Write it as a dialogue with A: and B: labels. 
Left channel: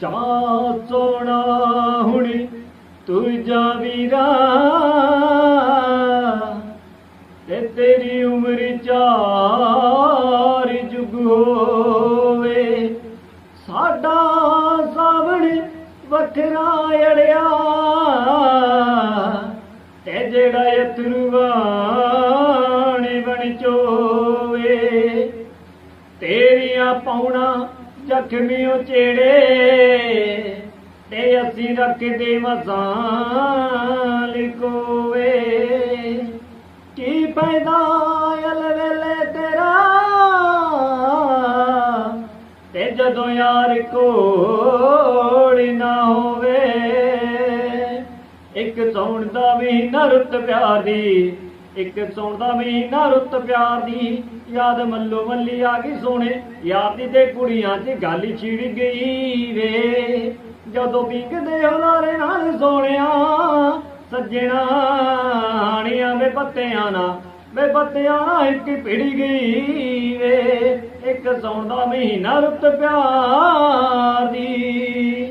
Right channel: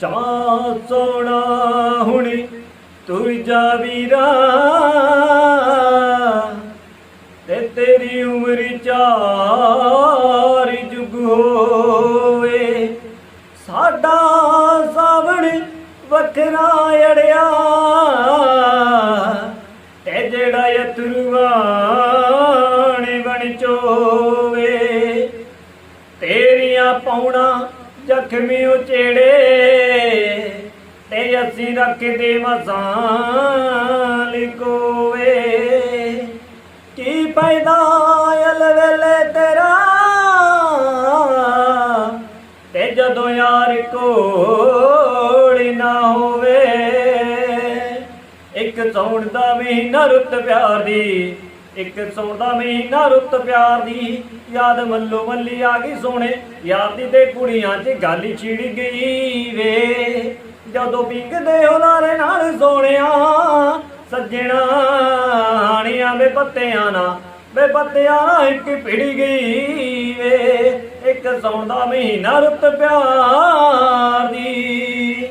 A: ਚਾਹ ਸੋਣਾ ਹੁਣੀ, ਤੂੰ ਜਾ ਤੇ ਤੇਰੀ ਉਮਰ ਚਾਰ ਜੁਗ ਹੋਵੇ। ਸਾਡਾ ਸਾਵਣ ਵੱਖਰਾ ਅੜਿਆ। ਤੇ ਜਿਹੜਾ ਅਥਰੂਆਂ ਨੇ ਬਣ ਚੋਵੇ, ਤੇਰੀਆਂ ਪੌਣਾ ਜ਼ਖਮੀ ਉਚੇੜੇ, ਤੇ ਅਸੀਂ ਰੱਖਦੇ ਮਸਾਂ ਲਿਕੋਵੇ ਕੀ ਪੈਦਾ ਅਲ ਤੇਰਾ? ਤੇ ਜਦੋਂ ਯਾਰ ਕੋਲ ਨਾ ਹੋਵੇ, ਇੱਕ ਸੌਣ ਦਾ ਮਹੀਨਾ ਰੁੱਤ ਪਿਆਰੀ ਇੱਕ ਸੌਂਦਾ ਮਹੀਨਾ ਰੁੱਤ ਪਿਆਰ ਦੀ। ਯਾਦ ਮੱਲੋ ਮੱਲੀ ਆ ਗਈ ਸੋਹਣੇ। ਯਾਰ ਦੀ ਤੇ ਕੁੜੀਆਂ 'ਚ ਗੱਲ ਹੀ ਛਿੜ ਗਈ ਵੇ। ਜਦੋਂ ਪਿੰਗਦੇ ਹੁਲਾਰੇ ਨਾਲ ਸੋਹਣਿਆ, ਸੱਜਣਾ ਹਾਣੀਆਂ ਦੇ ਪੱਤਿਆਂ ਨਾਲ ਵੇ ਪੱਤਿਆਂ ਇੱਕ ਭਿੜ ਗਈ ਵੇ। ਇੱਕ ਸੌਂਦਾ ਮਹੀਨਾ ਰੁੱਤ ਪਿਆਰ ਦੀ।